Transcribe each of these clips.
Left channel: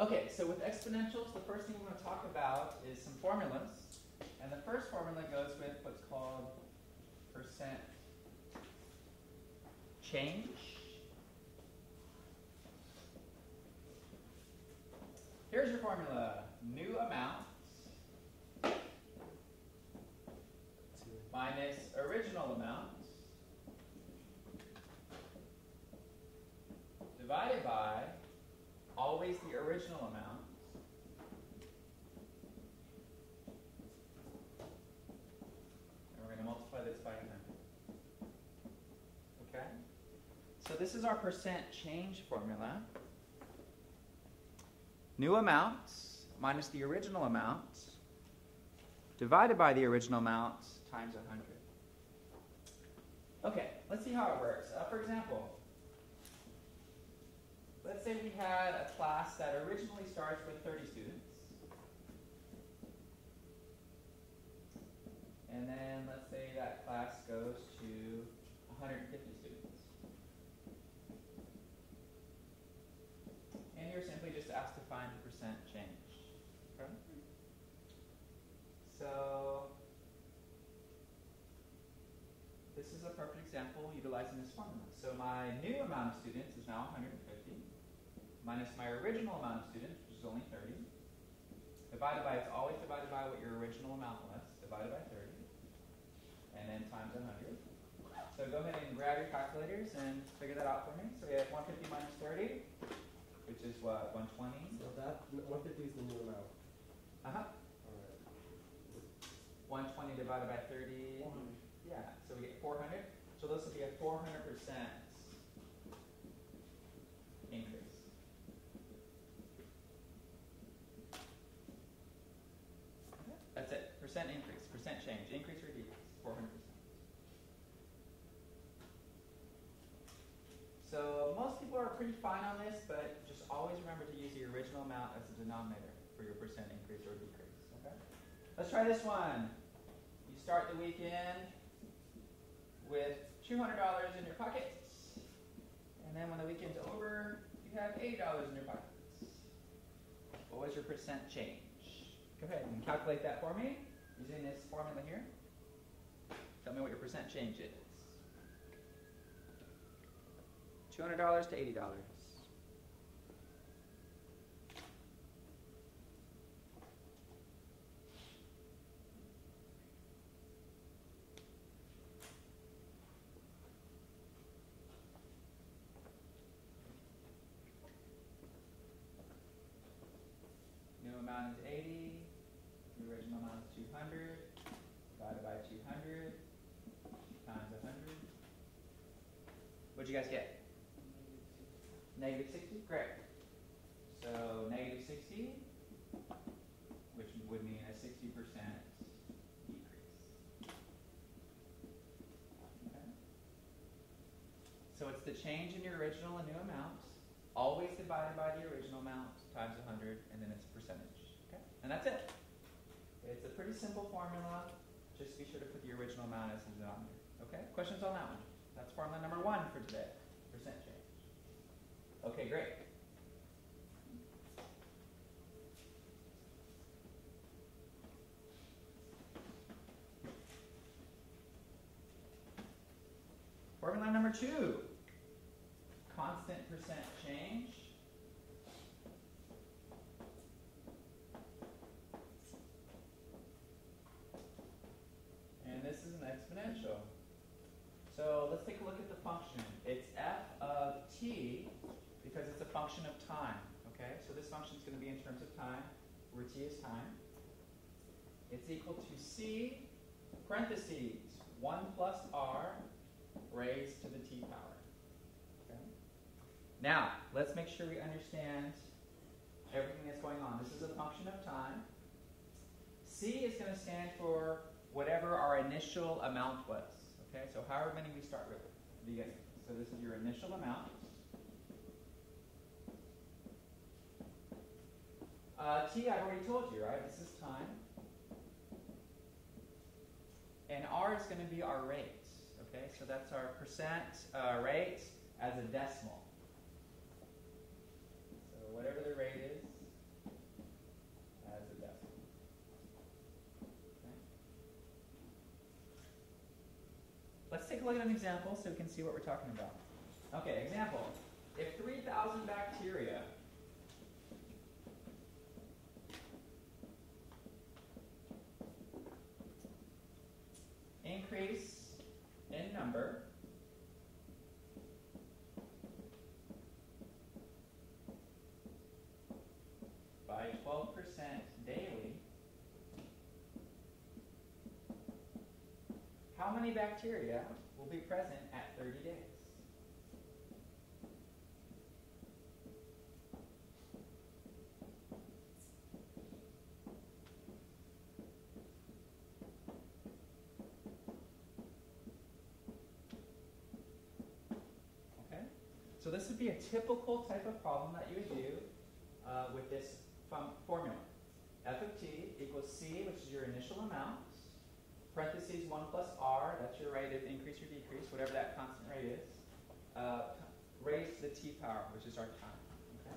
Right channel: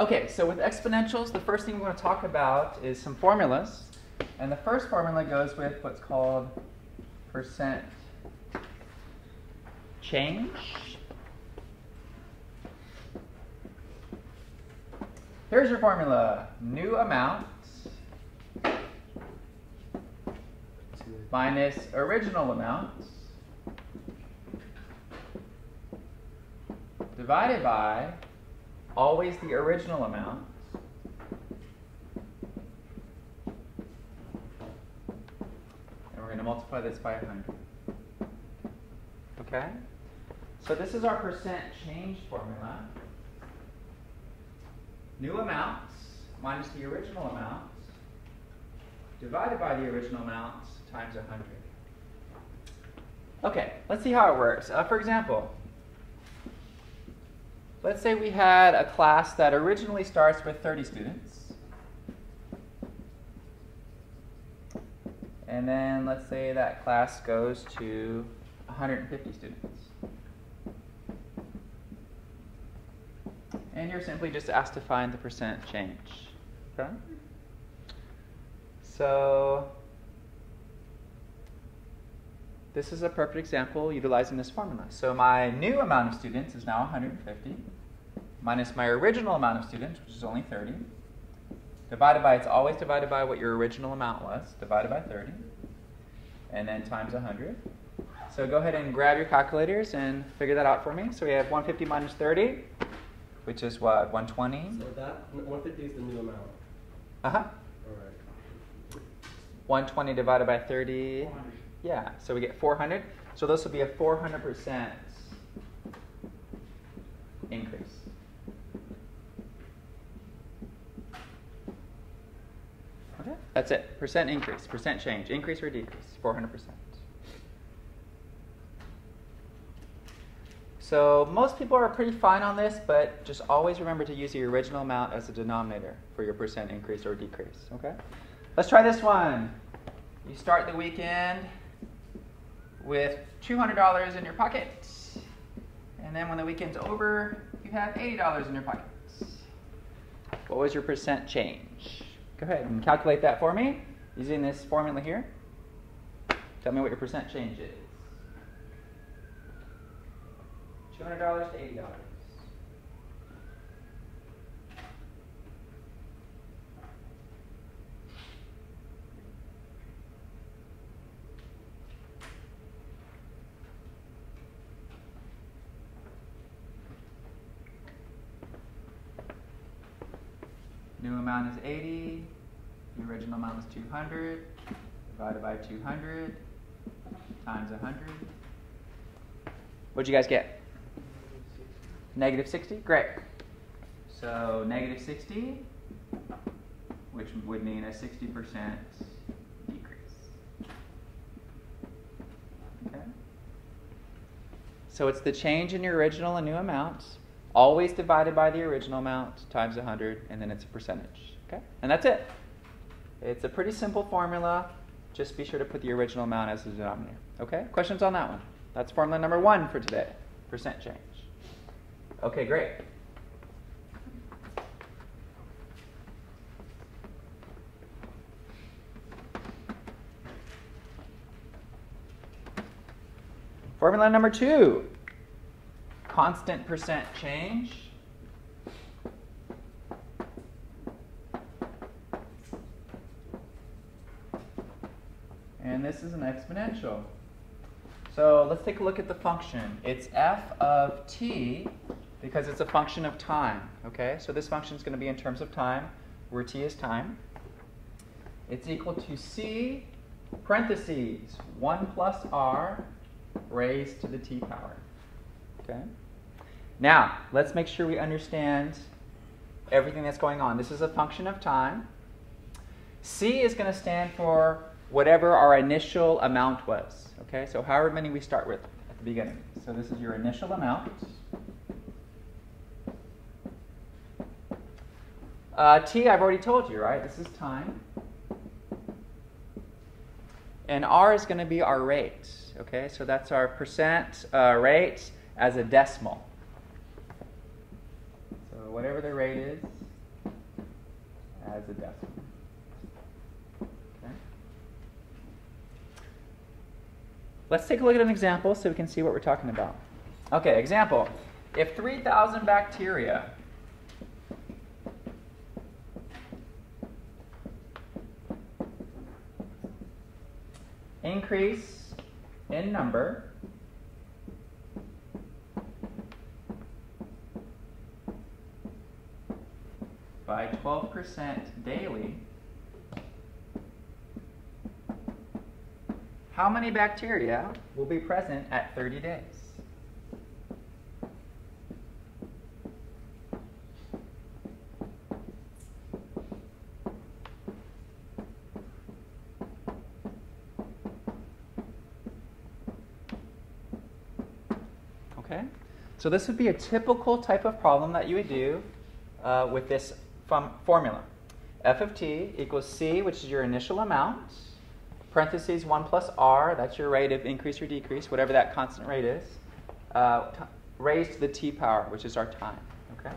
Okay, so with exponentials, the first thing we're going to talk about is some formulas. And the first formula goes with what's called percent change. Here's your formula. New amount minus original amount divided by always the original amount and we're going to multiply this by 100. Okay? So this is our percent change formula. New amount minus the original amount divided by the original amount times 100. Okay, let's see how it works. For example, let's say we had a class that originally starts with 30 students. And then let's say that class goes to 150 students. And you're simply just asked to find the percent change. Okay? So this is a perfect example utilizing this formula. So my new amount of students is now 150, minus my original amount of students, which is only 30, divided by, it's always divided by what your original amount was, divided by 30, and then times 100. So go ahead and grab your calculators and figure that out for me. So we have 150 minus 30, which is what, 120? So that 150 is the new amount. Uh-huh. All right. 120 divided by 30. 400. Yeah, so we get 400. So this will be a 400% increase. Okay, that's it. Percent increase, percent change, increase or decrease, 400%. So most people are pretty fine on this, but just always remember to use the original amount as a denominator for your percent increase or decrease. Okay, let's try this one. You start the weekend with $200 in your pocket, and then when the weekend's over, you have $80 in your pocket. What was your percent change? Go ahead and calculate that for me using this formula here. Tell me what your percent change is. $200 to $80. New amount is 80, the original amount is 200, divided by 200, times 100. What'd you guys get? Negative 60? Great. So negative 60, which would mean a 60% decrease. Okay. So it's the change in your original and new amount, always divided by the original amount times 100, and then it's a percentage. Okay? And that's it. It's a pretty simple formula. Just be sure to put the original amount as the denominator. Okay? Questions on that one? That's formula number 1 for today, percent change. Okay, great. Formula number 2. Constant percent change. And this is an exponential. So let's take a look at the function. It's f of t because it's a function of time. Okay, so this function is going to be in terms of time, where t is time. It's equal to c parentheses 1 plus r raised to the t power. Okay. Now, let's make sure we understand everything that's going on. This is a function of time. C is going to stand for whatever our initial amount was. Okay, so however many we start with at the beginning. So this is your initial amount. T, I've already told you, right? This is time. And R is going to be our rate. Okay, so that's our percent rate as a decimal. So whatever the rate is, as a decimal. Okay. Let's take a look at an example so we can see what we're talking about. Okay, example. If 3,000 bacteria increase in number by 12% daily, how many bacteria will be present at 30 days? Okay, so this would be a typical type of problem that you would do with this formula. F of t equals c, which is your initial amount, parentheses 1 plus r, that's your rate of increase or decrease, whatever that constant rate is, raised to the t power, which is our time. Okay.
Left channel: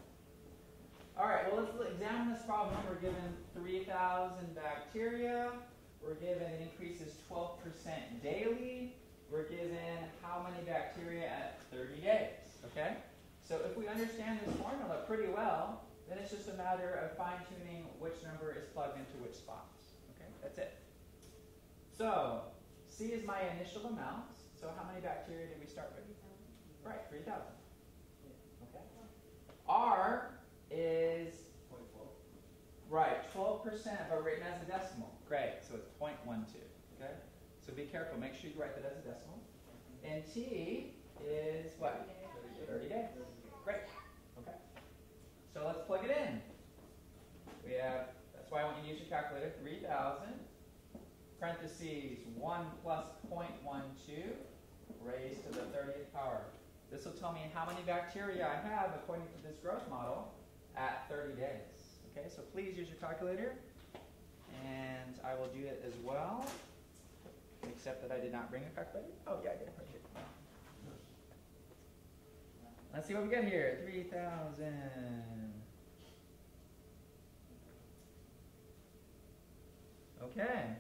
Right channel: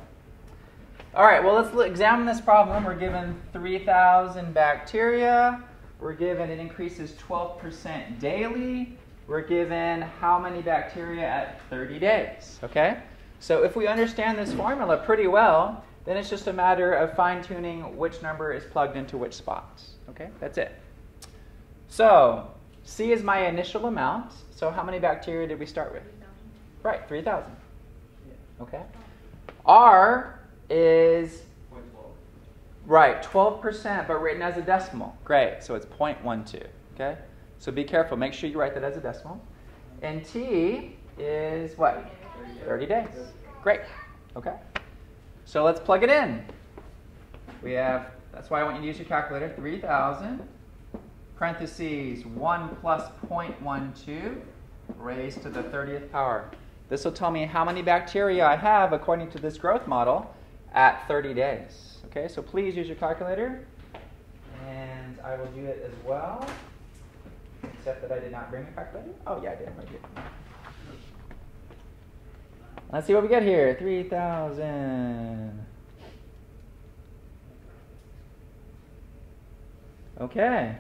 All right, well, let's examine this problem. We're given 3,000 bacteria. We're given it increases 12% daily. We're given how many bacteria at 30 days. Okay? So if we understand this formula pretty well, then it's just a matter of fine-tuning which number is plugged into which spots. Okay? That's it. So C is my initial amount. So how many bacteria did we start with? 3,000. Right, 3,000. Okay. R is 0.12. right, 12%, but written as a decimal. Great. So it's 0.12. Okay. So be careful. Make sure you write that as a decimal. And T is what? 30 days. Great. Okay. So let's plug it in. We have, that's why I want you to use your calculator, 3,000, parentheses 1 plus 0.12 raised to the 30th power. This will tell me how many bacteria I have according to this growth model at 30 days. Okay, so please use your calculator. And I will do it as well, except that I did not bring a calculator. Oh, yeah, I did. Right here. Let's see what we get here. 3,000. Okay.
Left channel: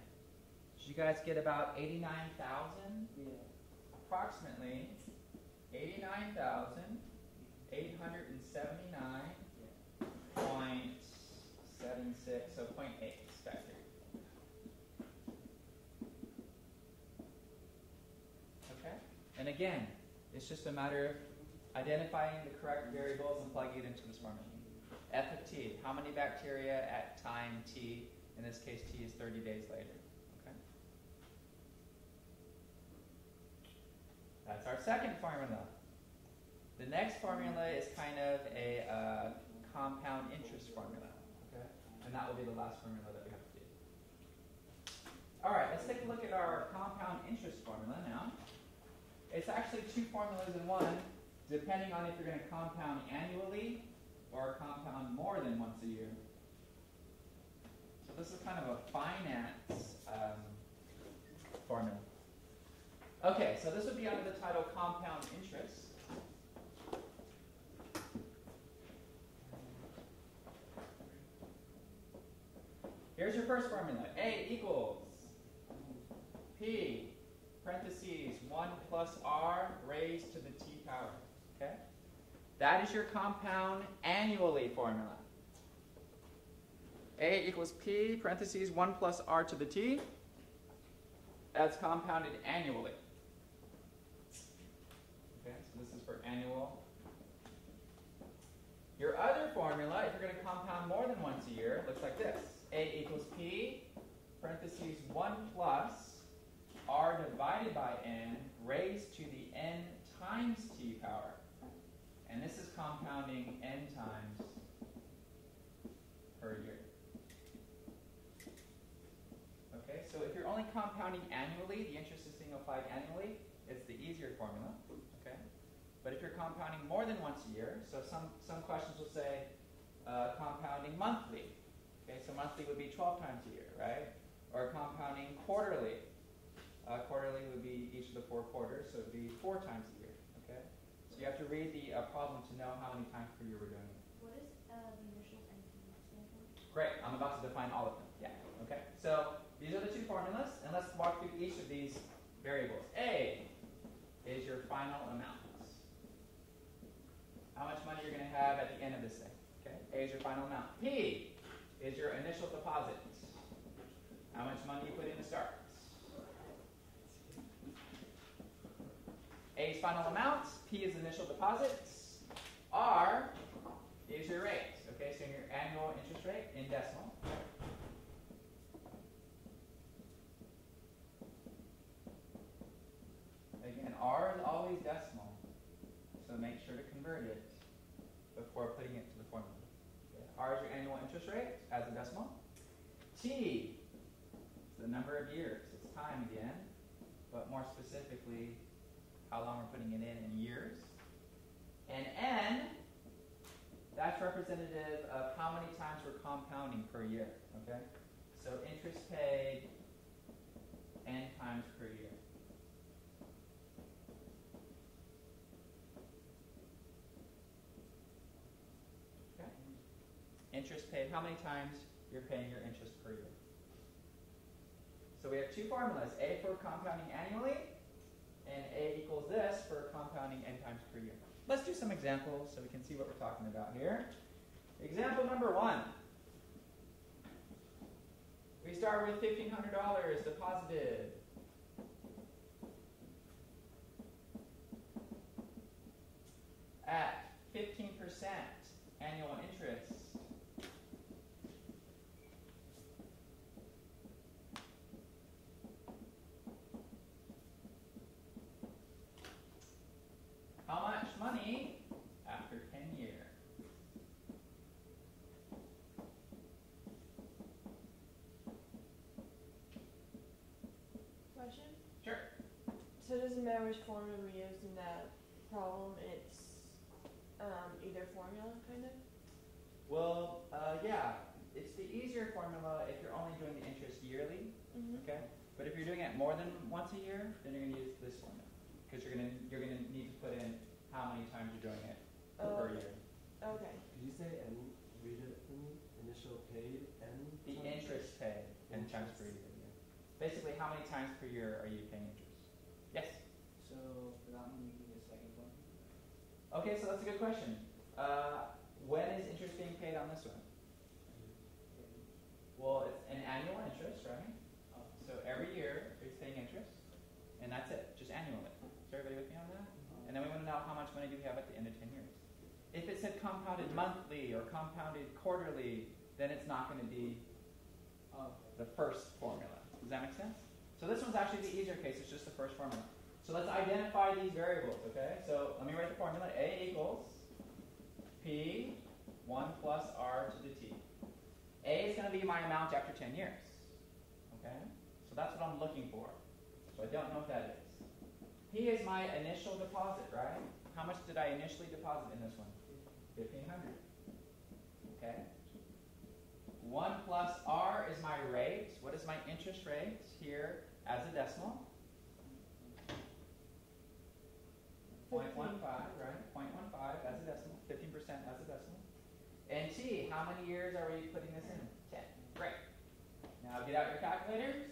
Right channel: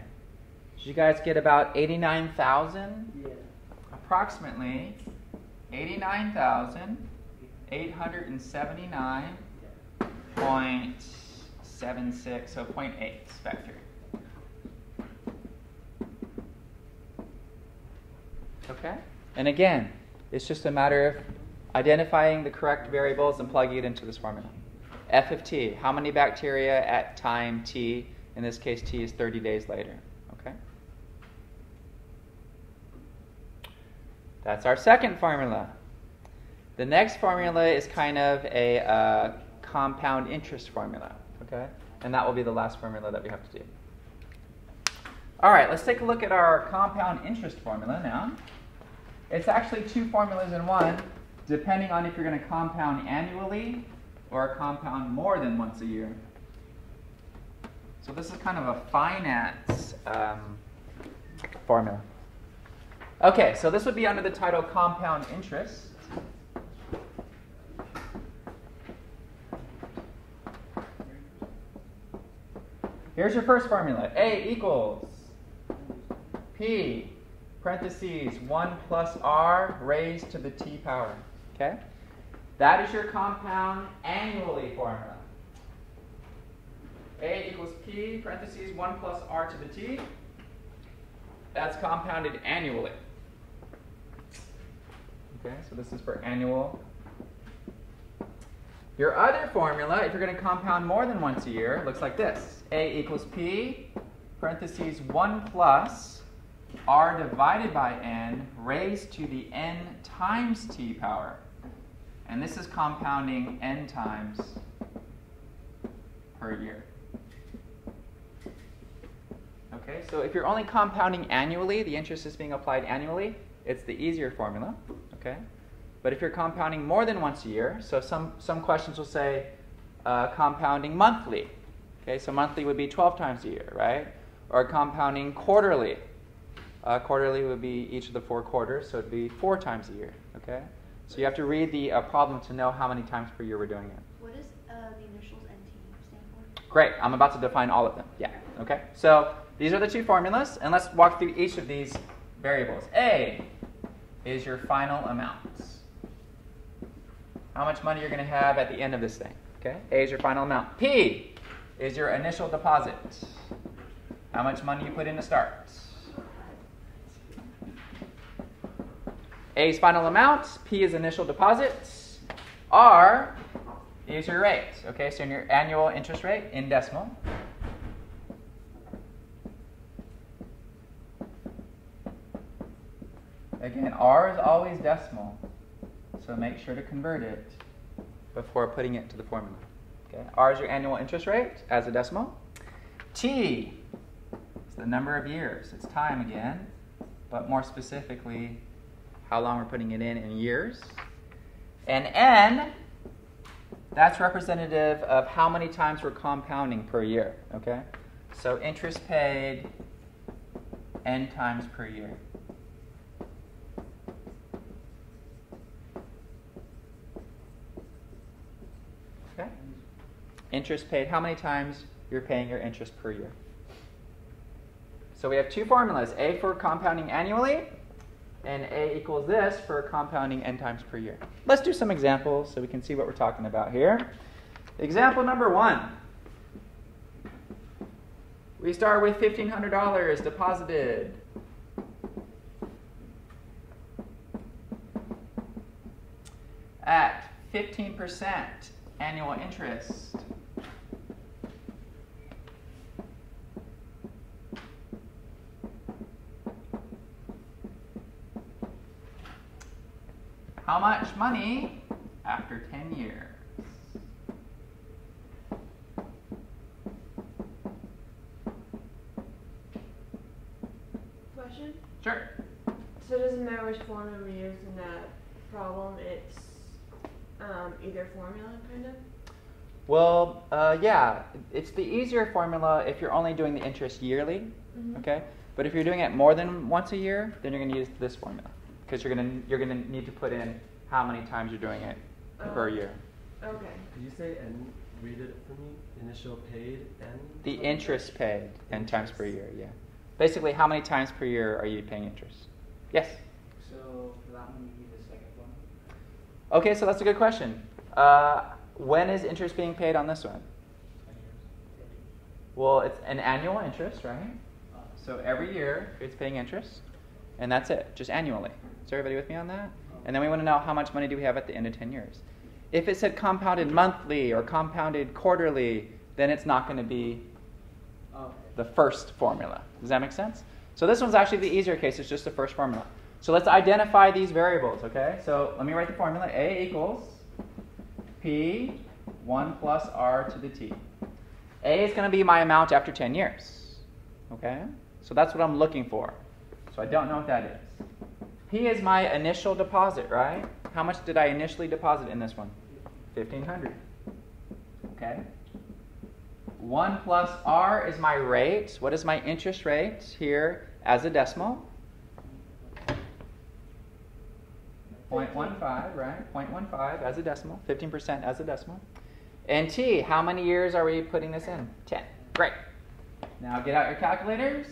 Did you guys get about 89,000? Yeah. Approximately 89,879.76, so 0.8 vector. Okay? And again, it's just a matter of identifying the correct variables and plugging it into this formula. F of t, how many bacteria at time t? In this case, t is 30 days later. Okay? That's our second formula. The next formula is kind of a compound interest formula. Okay? And that will be the last formula that we have to do. All right, let's take a look at our compound interest formula now. It's actually two formulas in one, depending on if you're going to compound annually or compound more than once a year. So this is kind of a finance formula. Okay, so this would be under the title compound interest. Here's your first formula. A equals P, parentheses, 1 plus R raised to the t power. Okay? That is your compound annually formula. A equals P, parentheses, 1 plus R to the t. That's compounded annually. Okay, so this is for annual. Your other formula, if you're going to compound more than once a year, looks like this. A equals P, parentheses, 1 plus R divided by N raised to the N times T power. And this is compounding N times per year. Okay, so if you're only compounding annually, the interest is being applied annually, it's the easier formula. Okay? But if you're compounding more than once a year, so some questions will say compounding monthly. Okay, so monthly would be 12 times a year, right? Or compounding quarterly. Quarterly would be each of the 4 quarters, so it would be 4 times a year. Okay? So you have to read the problem to know how many times per year we're doing it. What does the initials NT stand Great. I'm about to define all of them. Yeah. Okay. So these are the two formulas, and let's walk through each of these variables. A is your final amount. How much money you're going to have at the end of this thing. Okay. A is your final amount. P is your initial deposit. How much money you put in to start. A is final amount. P is initial deposit. R is your rate. Okay, so in your annual interest rate in decimal. Again, R is always decimal, so make sure to convert it before putting it to the formula. Okay, R is your annual interest rate as a decimal. T is the number of years. It's time again, but more specifically, how long we're putting it in years. And N, that's representative of how many times we're compounding per year. Okay, so interest paid N times per year. Okay, interest paid, how many times you're paying your interest per year. So we have two formulas, A for compounding annually, and A equals this for compounding N times per year. Let's do some examples so we can see what we're talking about here. Example number 1. We start with $1,500 deposited. At 15% annual interest. How much money after 10 years? Question? Sure. So it doesn't matter which formula we use in that problem, it's either formula, kind of? Well, yeah, it's the easier formula if you're only doing the interest yearly, okay? But if you're doing it more than once a year, then you're going to use this formula. Because you're gonna need to put in how many times you're doing it per year. Okay. Did you say N? Read it for me. Initial paid N? The interest paid N times per year, yeah. Basically, how many times per year are you paying interest? Yes? So for that one, we need the second one. Okay, so that's a good question. When is interest being paid on this one? 20 years. Well, it's an annual interest, right? So every year it's paying interest, and that's it, just annually. Is everybody with me on that? And then we want to know how much money do we have at the end of 10 years. If it said compounded monthly or compounded quarterly, then it's not going to be the first formula. Does that make sense? So this one's actually the easier case. It's just the first formula. So let's identify these variables, okay? So let me write the formula. A equals P 1 plus R to the T. A is going to be my amount after 10 years, okay? So that's what I'm looking for. So I don't know what that is. P is my initial deposit, right? How much did I initially deposit in this one? 1,500. Okay. 1 plus R is my rate. What is my interest rate here as a decimal? 0.15, right? 0.15 as a decimal. 15% as a decimal. And T, how many years are we putting this in? 10. Great. Now get out your calculators.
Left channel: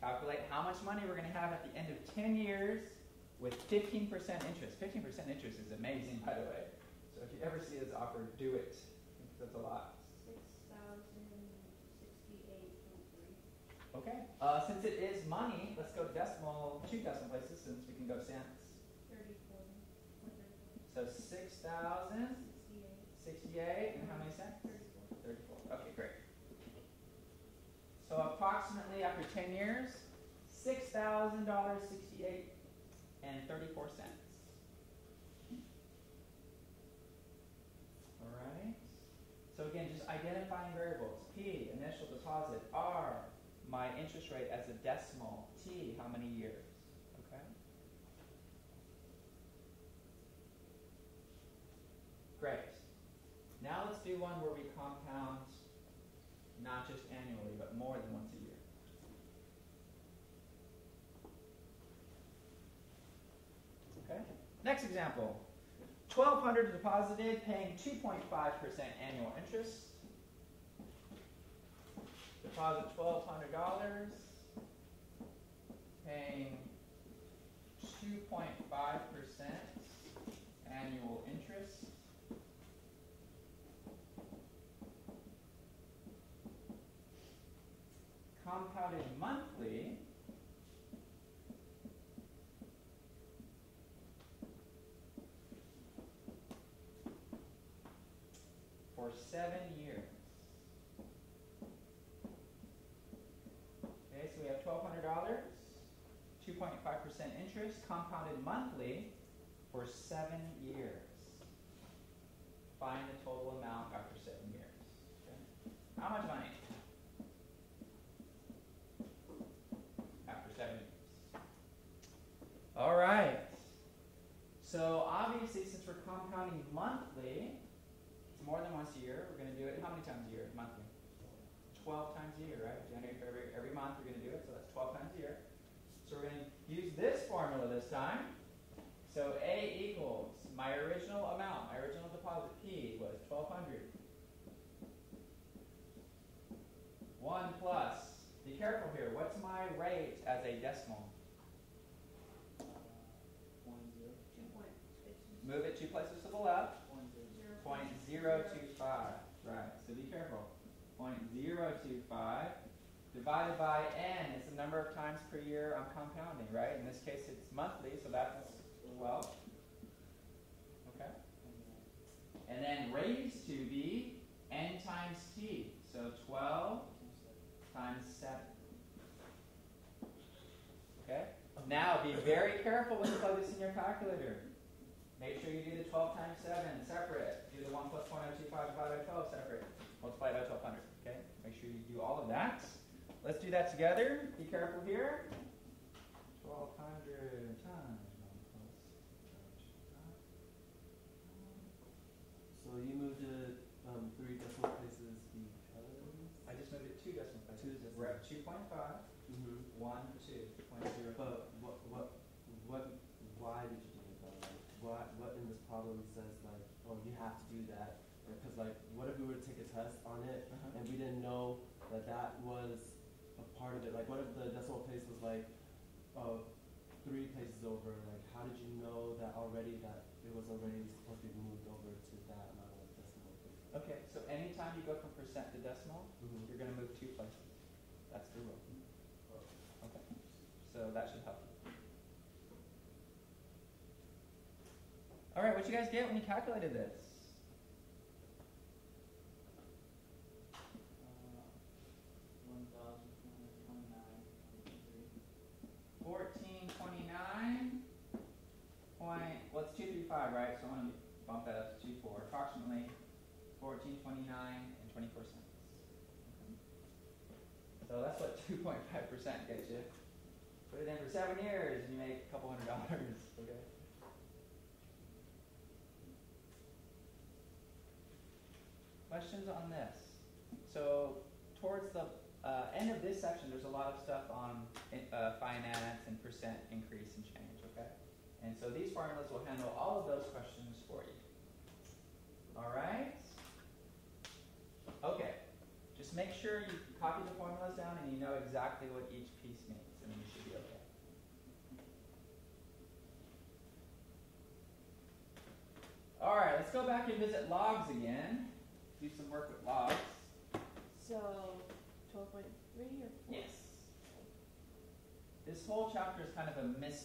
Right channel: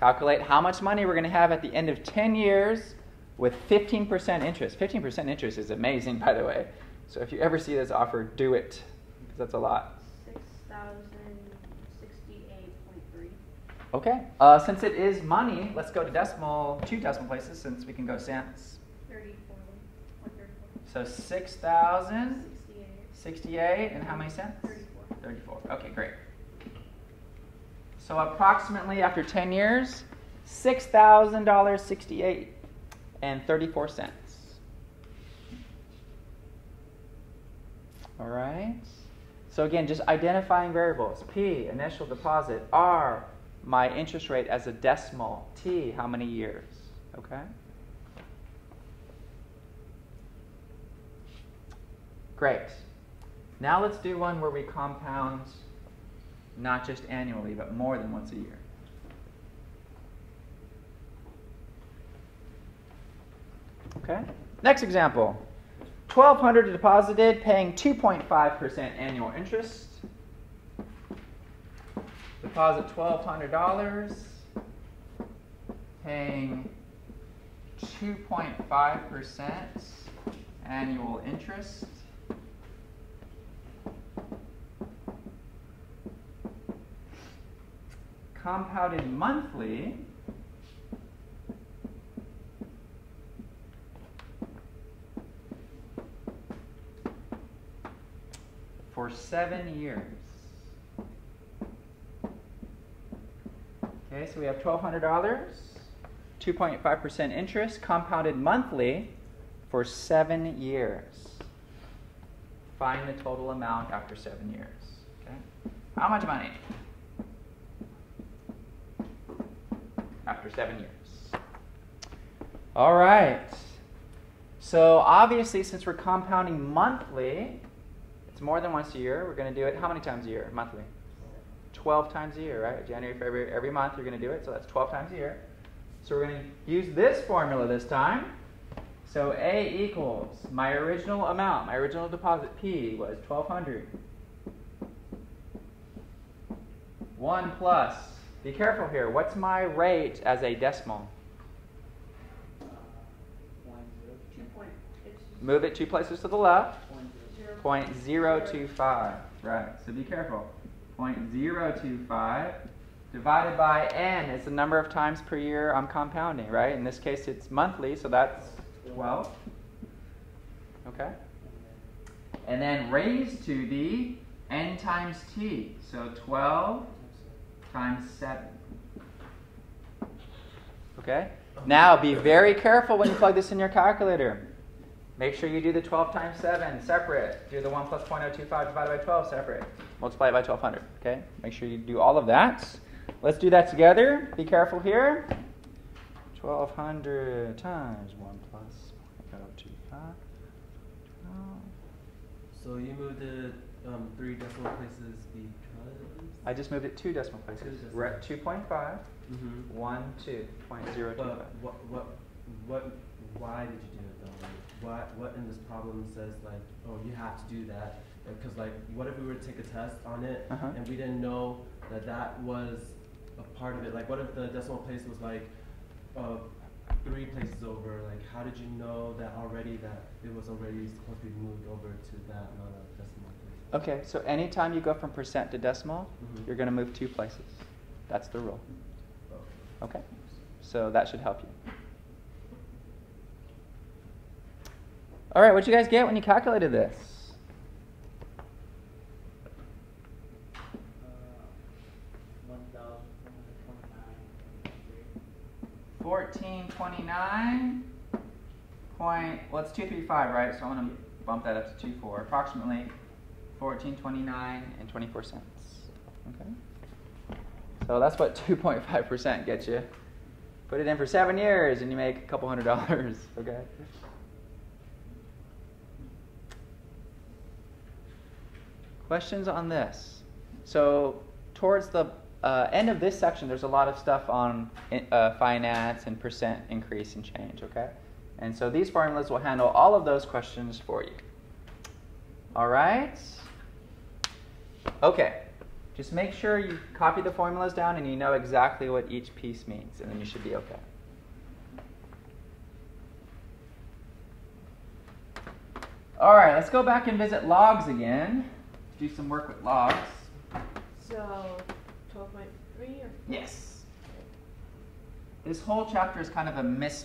Calculate how much money we're going to have at the end of 10 years with 15% interest. 15% interest is amazing, by the way. So if you ever see this offer, do it, because that's a lot. 6,068.3. Okay. Since it is money, let's go to two decimal places, since we can go cents. 34. So 6,068, and how many cents? 34. 34. Okay, great. So approximately after 10 years, $6,000.68 and 34 cents. All right. So again, just identifying variables. P, initial deposit. R, my interest rate as a decimal. T, how many years? Okay. Great. Now let's do one where we compound not just annually, but more than once a year. Okay. Next example. $1,200 deposited, paying 2.5% annual interest. deposit $1,200, paying 2.5% annual interest. Compounded monthly for 7 years. Okay, so we have $1,200, 2.5% interest, compounded monthly for 7 years. Find the total amount after 7 years. Okay? How much money? After 7 years. All right. So obviously, since we're compounding monthly, it's more than once a year. We're going to do it how many times a year? Monthly. 12 times a year, right? January, February, every month you're going to do it. So that's 12 times a year. So we're going to use this formula this time. So A equals my original amount, my original deposit P was 1,200. 1 plus, be careful here, what's my rate as a decimal? 2 point. Move it 2 places to the left. 0. 0.025, right, so be careful. 0.025 divided by n is the number of times per year I'm compounding, right? In this case it's monthly, so that's 12. Okay? And then raised to the n times t, so 12 times 7. Okay? Now be very careful when you plug this in your calculator. Make sure you do the 12 times 7 separate. Do the 1 plus 0.025 divided by 12 separate. Multiply it by 1,200. Okay? Make sure you do all of that. Let's do that together. Be careful here. 1,200 times 1 plus 0.025. So you moved it 3 decimal places because? I just moved it 2 decimal places. We're at 2.5. 1, 2, 0.025. But why did you do it though? Like, what in this problem says like, oh, you have to do that? Because like, what if we were to take a test on it and we didn't know that that was a part of it? Like, what if the decimal place was like 3 places over? Like, how did you know that already that it was already supposed to be moved over to that amount of decimal places? Okay, so anytime you go from percent to decimal, you're going to move 2 places. That's the rule. Okay, so that should help you. All right, what'd you guys get when you calculated this? 1429 point, well, it's 235, right? So I'm going to bump that up to 24. Approximately 1429 and 24 cents. Okay. So that's what 2.5% gets you. Put it in for 7 years and you make a couple $100. Okay. Questions on this? So towards the end of this section, there's a lot of stuff on finance and percent increase and change, okay? And so these formulas will handle all of those questions for you. All right? Okay. Just make sure you copy the formulas down and you know exactly what each piece means, and then you should be okay. All right, let's go back and visit logs again. Do some work with logs. So 12.3 or? Yes. This whole chapter is kind of a mix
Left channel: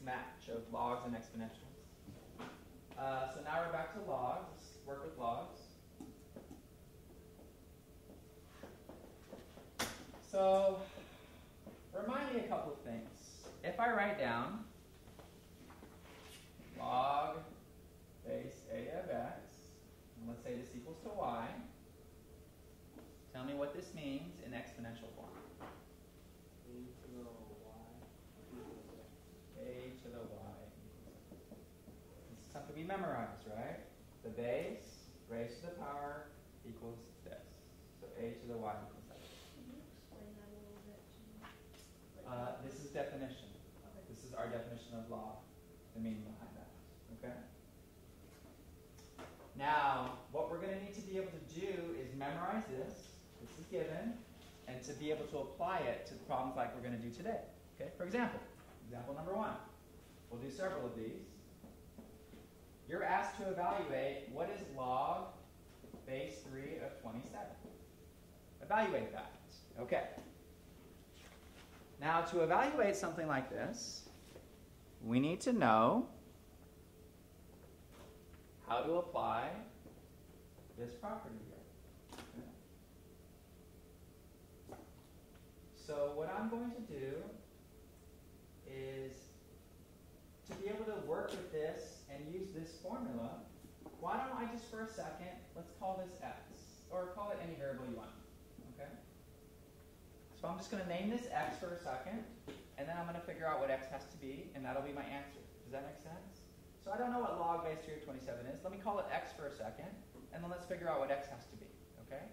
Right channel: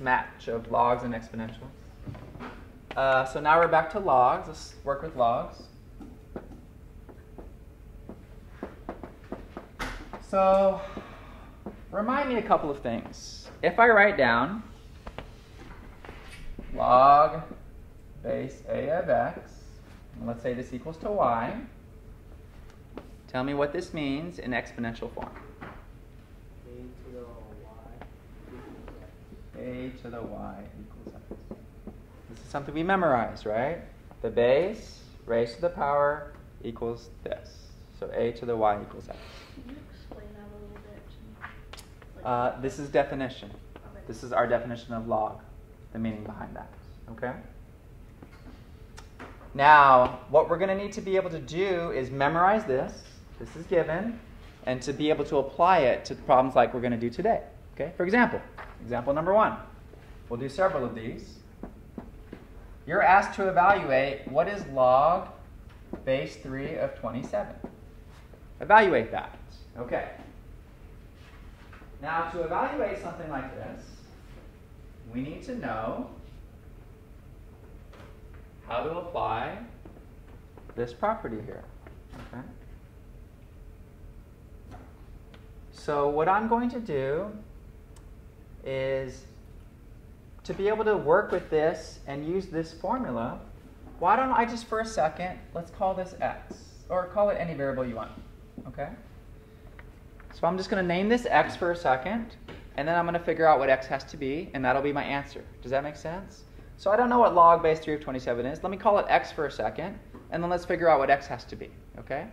match of logs and exponentials. So now we're back to logs. Let's work with logs. So remind me a couple of things. If I write down log base a of x, and let's say this equals to y, tell me what this means in exponential form. A to the y equals x. This is something we memorized, right? The base raised to the power equals this. So a to the y equals x. Can you explain that a little bit? This is definition. Okay. This is our definition of log, the meaning behind that. Okay? Now, what we're going to need to be able to do is memorize this. This is given. and to be able to apply it to problems like we're going to do today. Okay? For example, example number 1. We'll do several of these. You're asked to evaluate what is log base 3 of 27. Evaluate that. Okay. Now, to evaluate something like this, we need to know how to apply this property here. Okay? So what I'm going to do is, to be able to work with this and use this formula, why don't I just for a second, let's call this x, or call it any variable you want. Okay? So I'm just going to name this x for a second, and then I'm going to figure out what x has to be, and that'll be my answer. Does that make sense? So I don't know what log base 3 of 27 is. Let me call it x for a second, and then let's figure out what x has to be. Okay?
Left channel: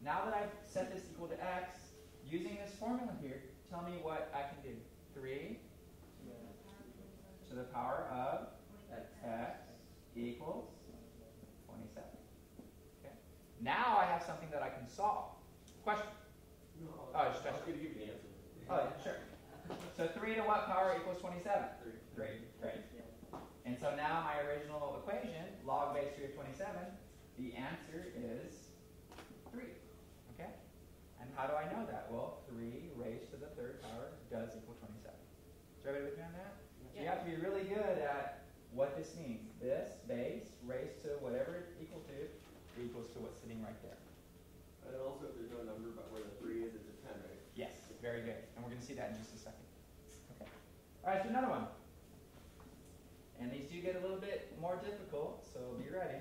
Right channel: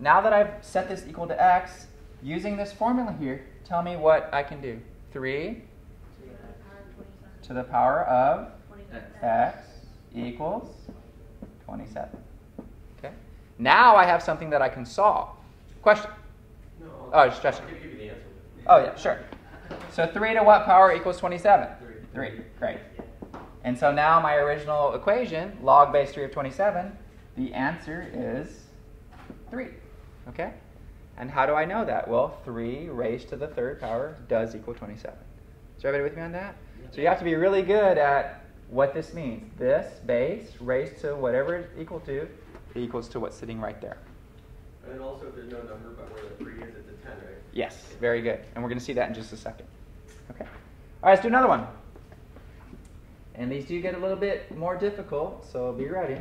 Now that I've set this equal to x, using this formula here, tell me what I can do. 3 to the power of x equals 27. Okay? Now I have something that I can solve. Question? No. Oh, just I'll give you the answer. Oh, yeah, sure. So 3 to what power equals 27? 3. Great. And so now my original equation, log base 3 of 27, the answer is 3. Okay? And how do I know that? Well, 3 raised to the third power does equal 27. Is everybody with me on that? So you have to be really good at what this means. This base raised to whatever it's equal to equals to what's sitting right there. And also, if there's no number but where the 3 is, it's a 10, right? Yes, very good. And we're going to see that in just a second. Okay. All right, let's do another one. And these do get a little bit more difficult, so be ready.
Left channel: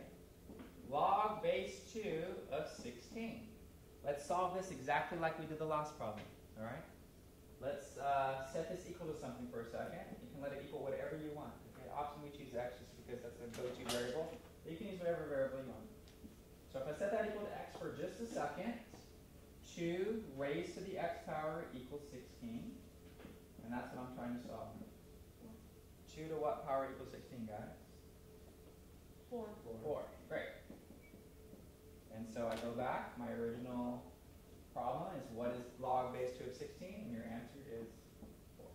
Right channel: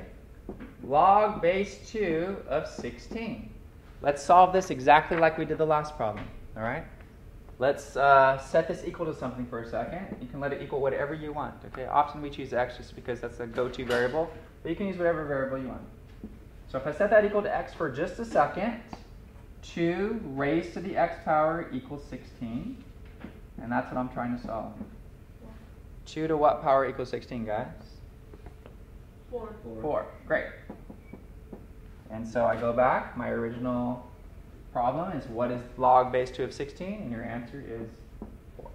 Log base 2 of 16. Let's solve this exactly like we did the last problem. All right? Let's set this equal to something for a second. You can let it equal whatever you want. Okay. Often we choose x just because that's a go-to variable, but you can use whatever variable you want. So if I set that equal to x for just a second, 2 raised to the x power equals 16, and that's what I'm trying to solve. 2 to what power equals 16, guys? 4. 4. Great. And so I go back. My original problem is what is log base 2 of 16? And your answer is 4.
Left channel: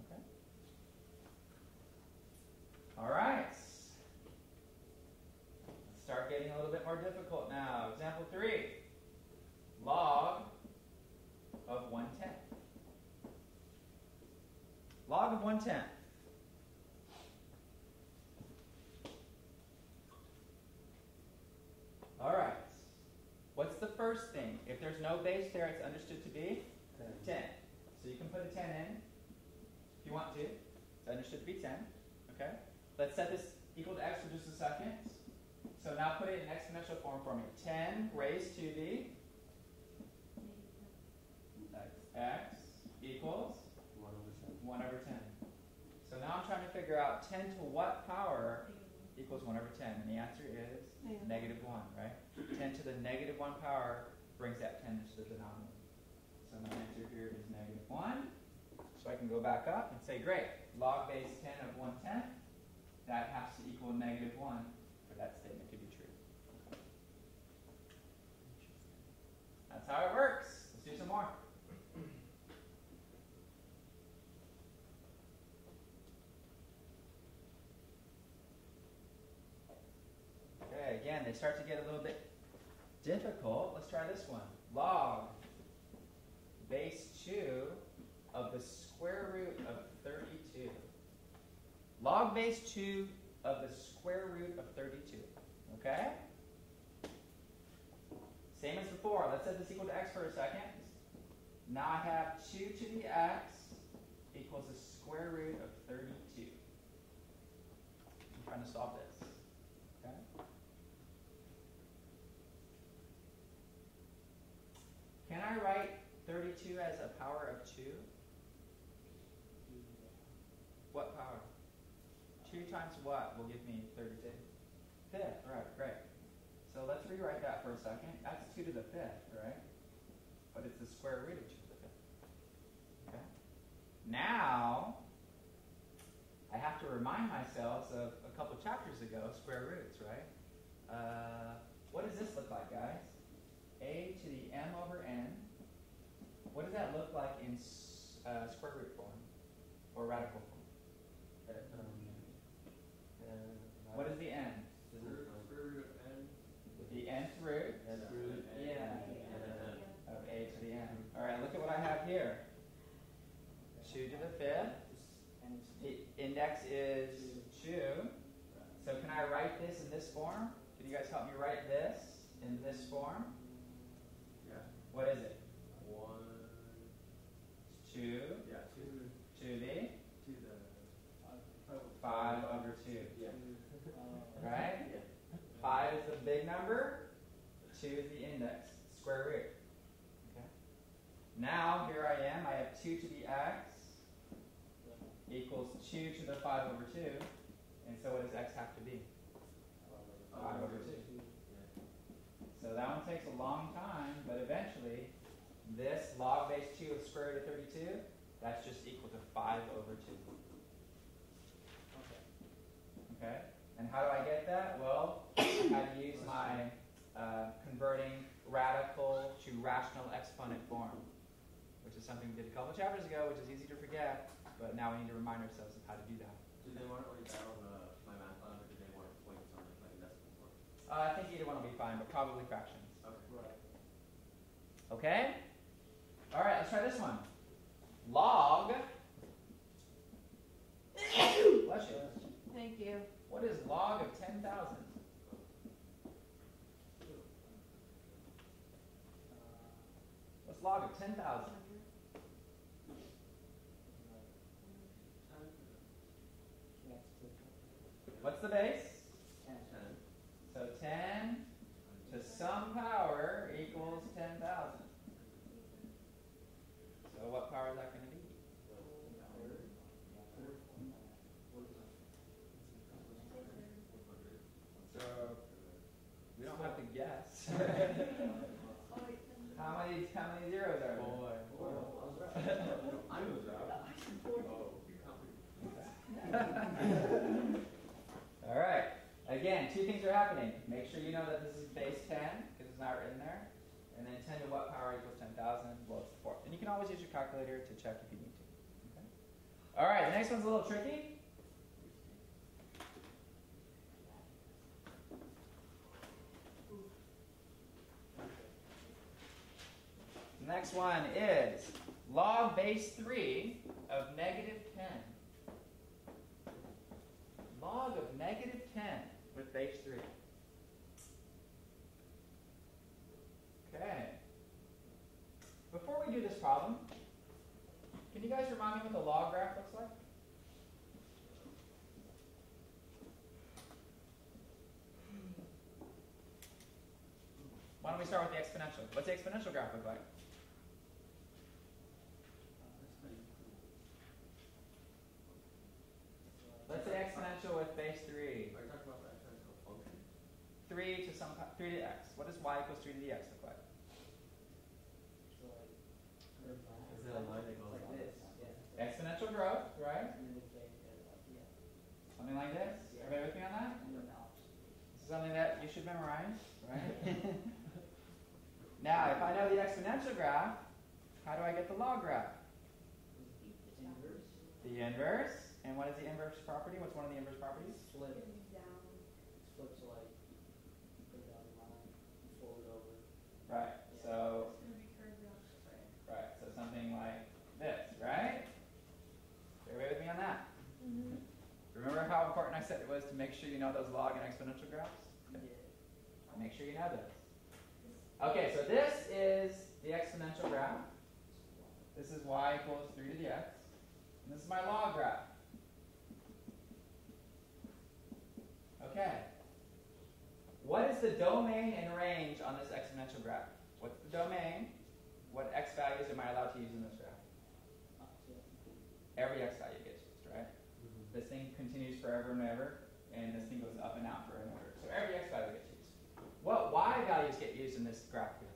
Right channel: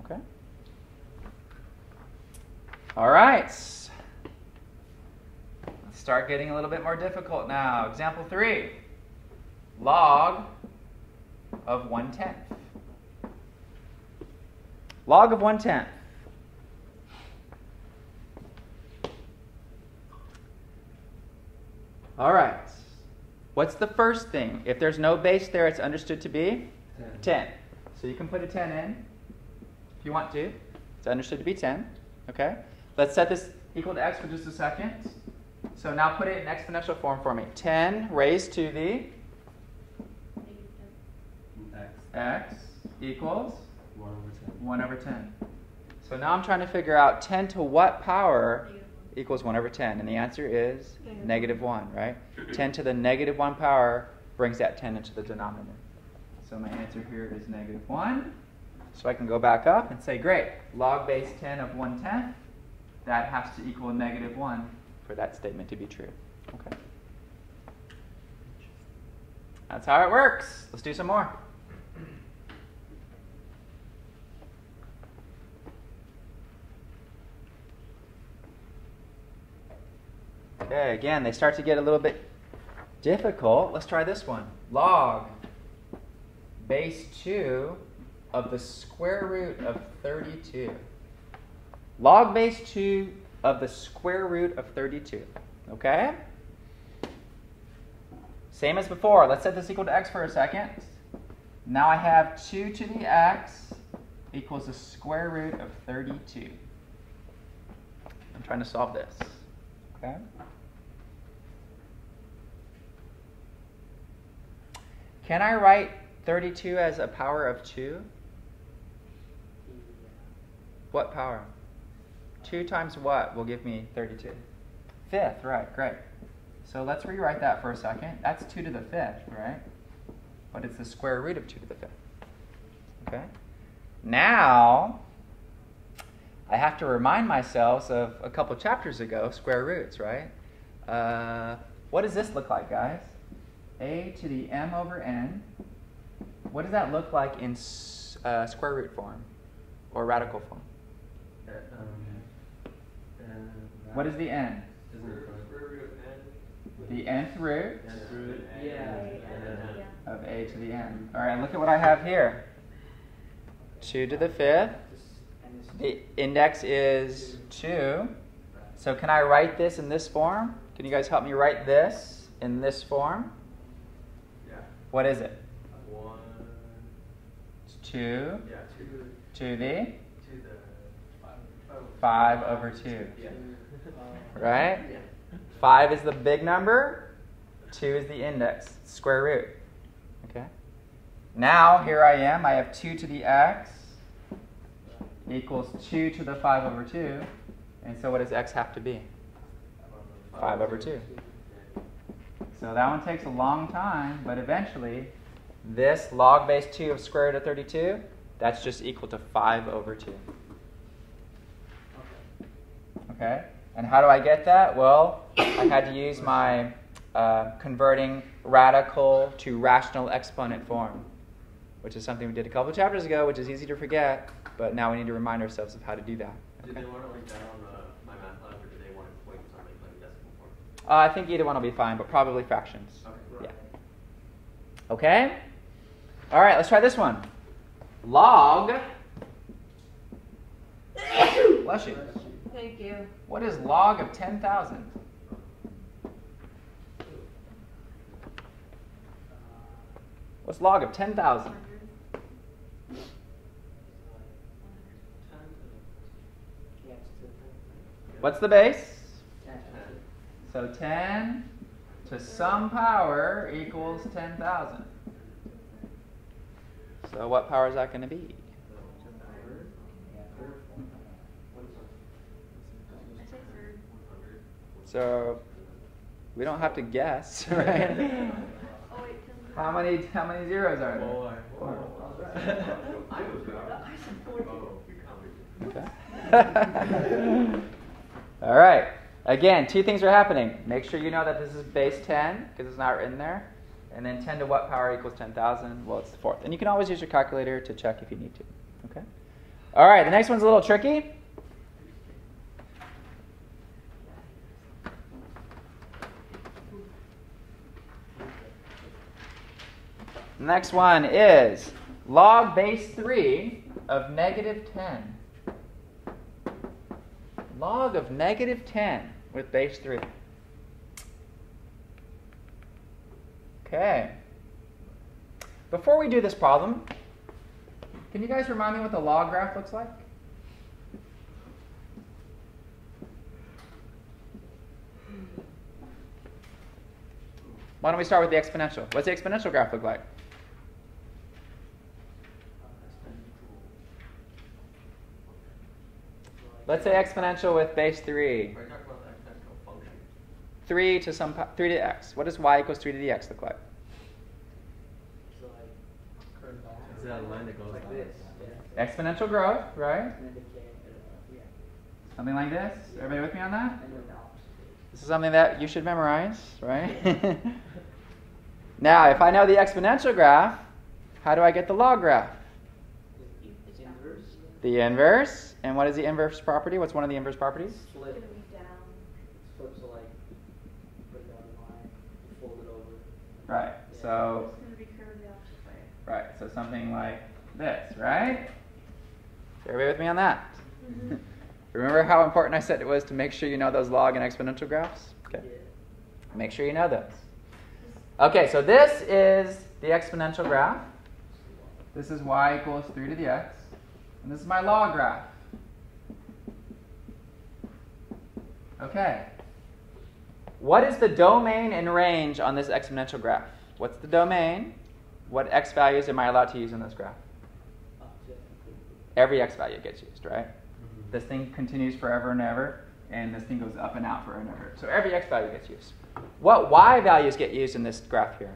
Okay? All right. Let's start getting a little bit more difficult now. Example 3. Log of 1/10. Log of 1/10. All right. What's the first thing? If there's no base there, it's understood to be 10. So you can put a 10 in if you want to. It's understood to be 10. Okay? Let's set this equal to x for just a second. So now put it in exponential form for me. 10 raised to the x equals 1 over 10. So now I'm trying to figure out 10 to what power equals 1 over 10. And the answer is negative 1, right? 10 to the negative 1 power brings that 10 into the denominator. So my answer here is negative 1. So I can go back up and say, great, log base 10 of 1/10, that has to equal negative 1 for that statement to be true. Okay. That's how it works. Let's do some more. Okay, again, they start to get a little bit difficult. Let's try this one. Log base 2 of the square root of 32. Log base 2 of the square root of 32. Okay? Same as before. Let's set this equal to x for a second. Now I have 2 to the x equals the square root of 32. I'm trying to solve this. Okay? Can I write 32 as a power of 2? What power? 2 times what will give me 32? 5th, right, great. So let's rewrite that for a second. That's 2 to the 5th, right? But it's the square root of 2 to the 5th. Okay? Now, I have to remind myself of a couple chapters ago, square roots, right? What does this look like, guys? A to the m over n what does that look like in square root form or radical form? What is the n? The nth root of a to the n. All right, look at what I have here. 2 to the 5th. The index is 2. So can I write this in this form? Can you guys help me write this in this form? Yeah. What is it? 1. It's 2 Yeah. 2 to the to the 5 over 2. Yeah. Right? Yeah. 5 is the big number. 2 is the index, square root. Okay. Now here I am. I have 2 to the x equals 2 to the 5 over 2. And so what does x have to be? 5 over 2. So that one takes a long time, but eventually this log base 2 of square root of 32, that's just equal to 5 over 2. Okay? And how do I get that? Well, I had to use my converting radical to rational exponent form, which is something we did a couple of chapters ago, which is easy to forget, but now we need to remind ourselves of how to do that. Did they want it like that on my math lab, or did they want points on like decimal form? I think either one will be fine, but probably fractions. Okay. Yeah. Okay? All right, let's try this one. Log. Bless you. Thank you. What is log of 10,000? What's log of 10,000? What's the base? 10. So 10 to some power equals 10,000. So what power is that going to be? I say third. So we don't have to guess, right? Oh wait, 10. How many zeros are there? 4. I was wrong. I said 40. Okay. All right. Again, 2 things are happening. Make sure you know that this is base 10 because it's not written there. And then 10 to what power equals 10,000? Well, it's the 4th. And you can always use your calculator to check if you need to. Okay. All right. The next one's a little tricky. The next one is log base 3 of negative 10. Log of negative 10 with base 3. Okay. Before we do this problem, can you guys remind me what the log graph looks like? Why don't we start with the exponential? What's the exponential graph look like? Let's say exponential with base 3. Are you talking about the exponential function? 3 to the x. What does y equals 3 to the x look like? So like curve back. Is that a line that goes like like this? this? Yeah. Exponential growth, right? And then decay. Yeah. Something like this. Everybody with me on that? And then the opposite. This is something that you should memorize, right? Now, if I know the exponential graph, how do I get the log graph? It's inverse. The inverse. And what is the inverse property? What's one of the inverse properties? It's Flip. gonna be down. Flip, so like put it on the line, fold it over. Right. So, It's gonna be curved the opposite way. right. So something like this, right? Everybody with me on that? Mm-hmm. Remember how important I said it was to make sure you know those log and exponential graphs? Okay. Yeah. Make sure you know those. Okay, so this is the exponential graph. This is y equals 3 to the x. And this is my log graph. Okay. What is the domain and range on this exponential graph? What's the domain? What x values am I allowed to use in this graph? Up to. Every x value gets used, right? This thing continues forever and ever, and this thing goes up and out forever and ever. So every x value gets used. What y values get used in this graph here?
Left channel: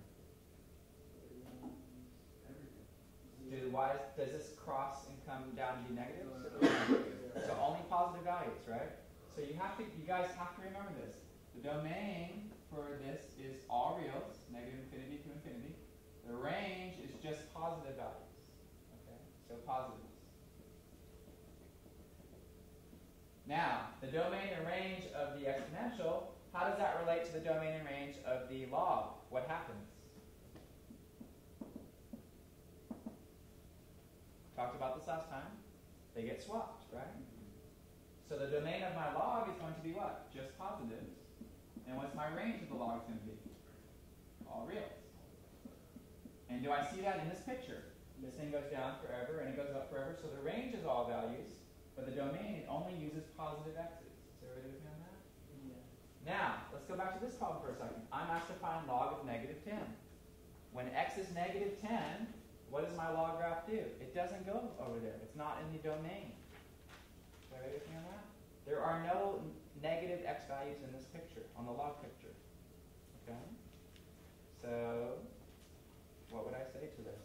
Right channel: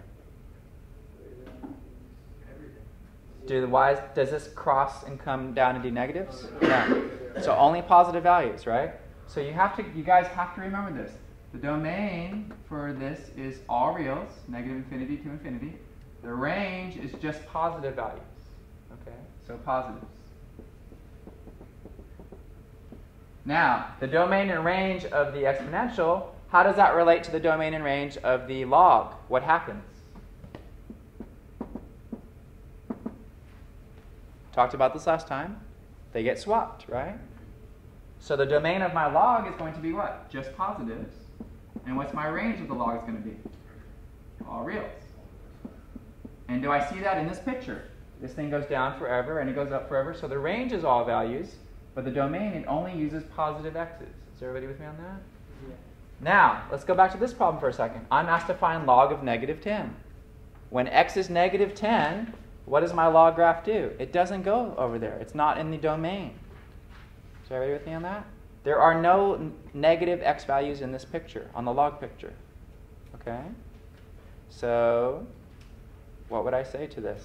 Do the y's, does this cross and come down and do negatives? No. So only positive values, right? So you guys have to remember this. The domain for this is all reals, negative infinity to infinity. The range is just positive values. Okay, so positives. Now, the domain and range of the exponential, how does that relate to the domain and range of the log? What happens? Talked about this last time. They get swapped, right? So the domain of my log is going to be what? Just positives. And what's my range of the log is going to be? All reals. And do I see that in this picture? This thing goes down forever and it goes up forever. So the range is all values, but the domain, it only uses positive x's. Is everybody with me on that? Yeah. Now, let's go back to this problem for a second. I'm asked to find log of negative 10. When x is negative 10, what does my log graph do? It doesn't go over there. It's not in the domain. Is everybody with me on that? There are no negative x values in this picture, on the log picture. Okay? So, what would I say to this?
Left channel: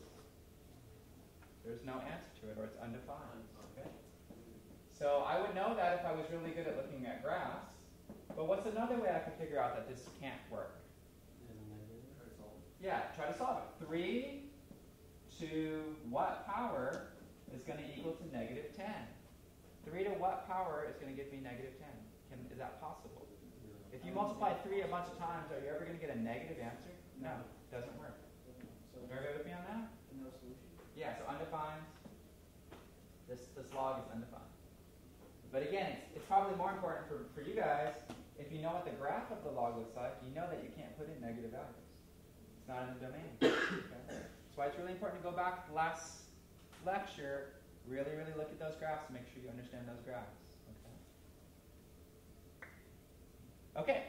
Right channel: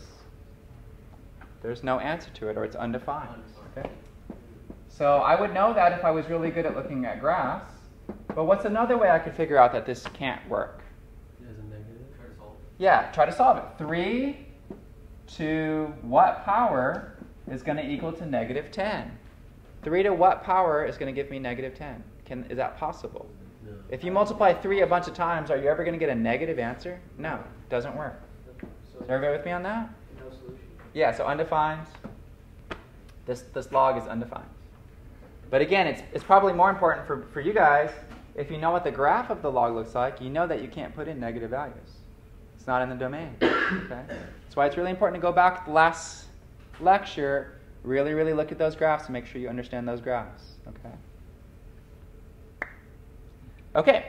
There's no answer to it, or it's undefined. Okay? So I would know that if I was really good at looking at graphs. But what's another way I could figure out that this can't work? There's a negative. Try to solve it. Yeah, try to solve it. 3 to what power is going to equal to negative 10? 3 to what power is going to give me negative 10? Is that possible? No. If you multiply 3 a bunch of times, are you ever going to get a negative answer? No, it doesn't work. So Is everybody with me on that? no solution. Yeah, so undefined. This log is undefined. But again, it's probably more important for you guys, if you know what the graph of the log looks like, you know that you can't put in negative values. It's not in the domain. Okay? That's why it's really important to go back to the last lecture, really, really look at those graphs and make sure you understand those graphs. Okay? Okay.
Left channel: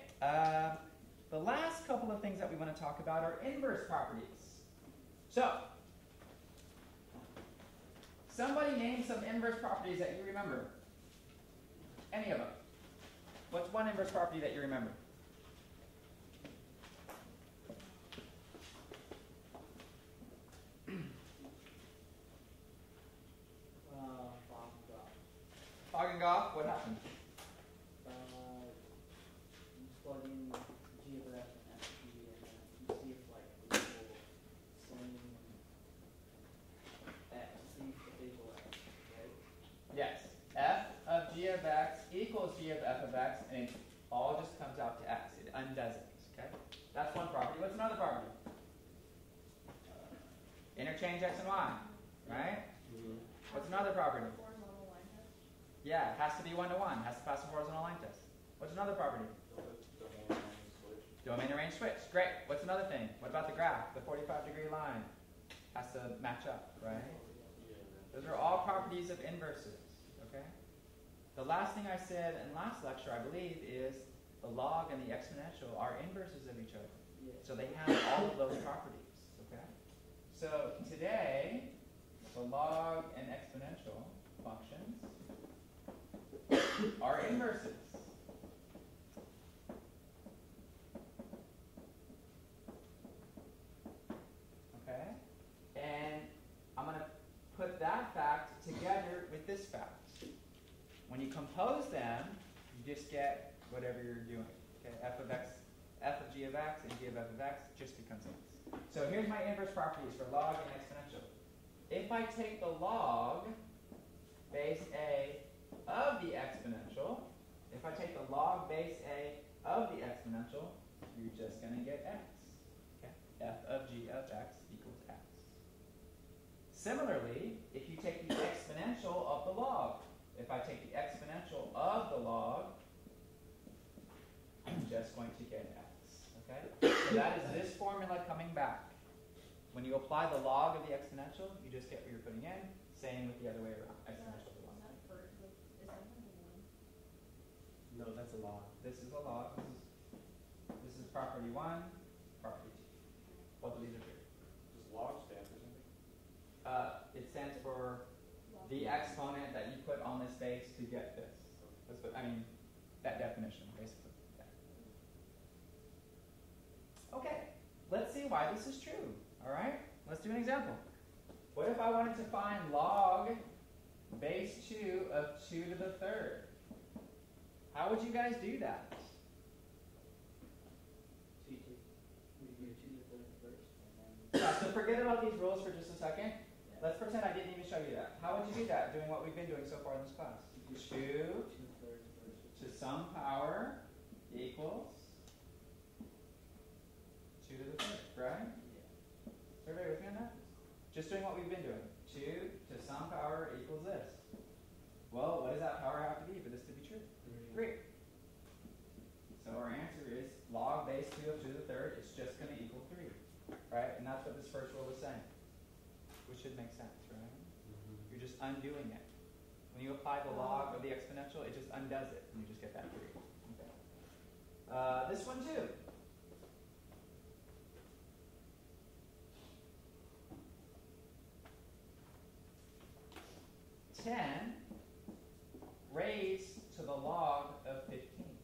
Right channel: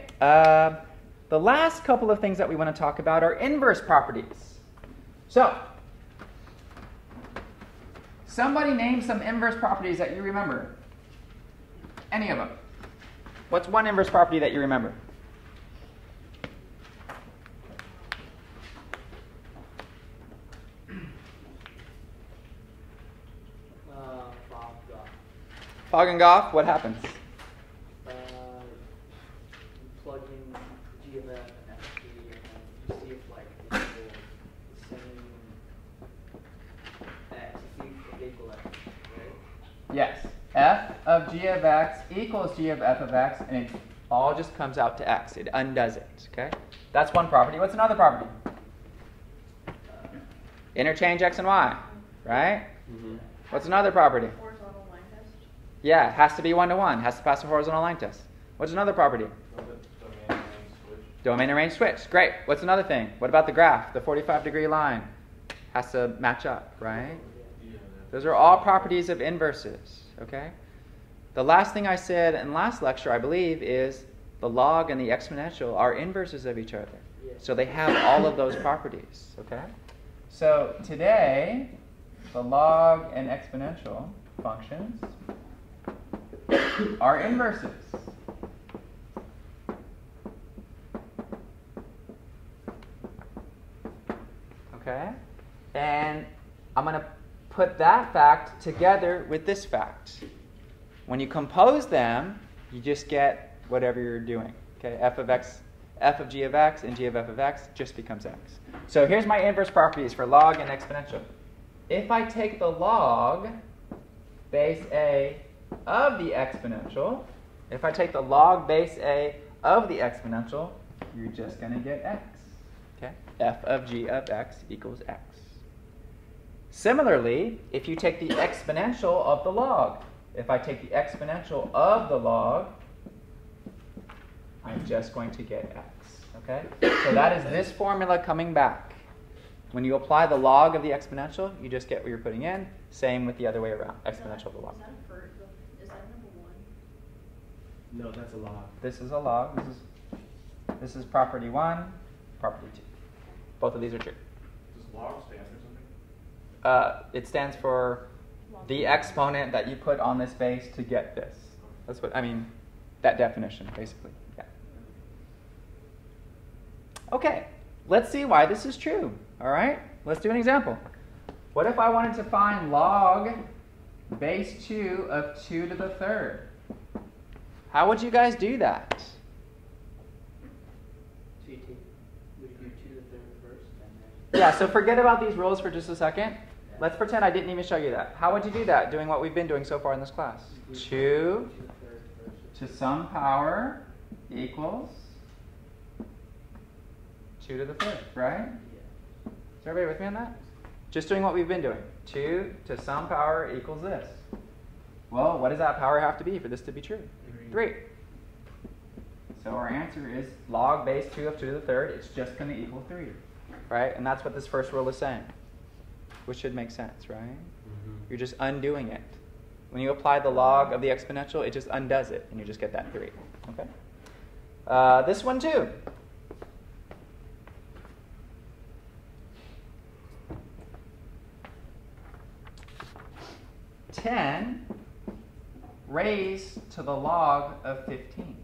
The last couple of things that we want to talk about are inverse properties. So, somebody name some inverse properties that you remember. Any of them. What's one inverse property that you remember? Fog and Goff, what happens? Plug in G of F and F G and see if like it's the same X, see if they equal X, right? Yes. F of G of X equals G of F of X, and it all just comes out to X. It undoes it. Okay? That's one property. What's another property? Interchange X and Y. Right? Mm-hmm. What's another property? Horizontal line test. Yeah, it has to be 1-to-1. Has to pass the horizontal line test. What's another property? Domain and range switch. Great. What's another thing? What about the graph? The 45-degree line has to match up, right? Those are all properties of inverses, okay? The last thing I said in last lecture, I believe, is the log and the exponential are inverses of each other. So they have all of those properties, okay? So today, the log and exponential functions are inverses. Okay? And I'm going to put that fact together with this fact. When you compose them, you just get whatever you're doing. Okay? F of G of X and G of F of X just becomes X. So here's my inverse properties for log and exponential. If I take the log base A of the exponential, if I take the log base A of the exponential, you're just going to get X. Okay? F of G of X equals X. Similarly, if you take the exponential of the log, if I take the exponential of the log, I'm just going to get X. Okay? So that is this formula coming back. When you apply the log of the exponential, you just get what you're putting in. Same with the other way around, exponential of the log. Is that number 1? No, that's a log. This is a log. This is property 1, property 2. Both of these are true. Does log stand for something? It stands for the exponent that you put on this base to get this. That's what, I mean, that definition, basically. Yeah. Okay, let's see why this is true. All right, let's do an example. What if I wanted to find log base 2 of 2 to the third? How would you guys do that? So you do 2 to the third first, and then Yeah, so forget about these rules for just a second. Let's pretend I didn't even show you that. How would you do that, doing what we've been doing so far in this class? 2 to some power equals 2 to the third, right? Is everybody with me on that? Just doing what we've been doing. 2 to some power equals this. Well, what does that power have to be for this to be true? 3. So our answer is log base 2 of 2 to the third. It's just going to equal 3. Right? And that's what this first rule is saying. Which should make sense, right? Mm-hmm. You're just undoing it. When you apply the log of the exponential, it just undoes it, and you just get that 3. Okay? This one too. 10 raised to the log of 15.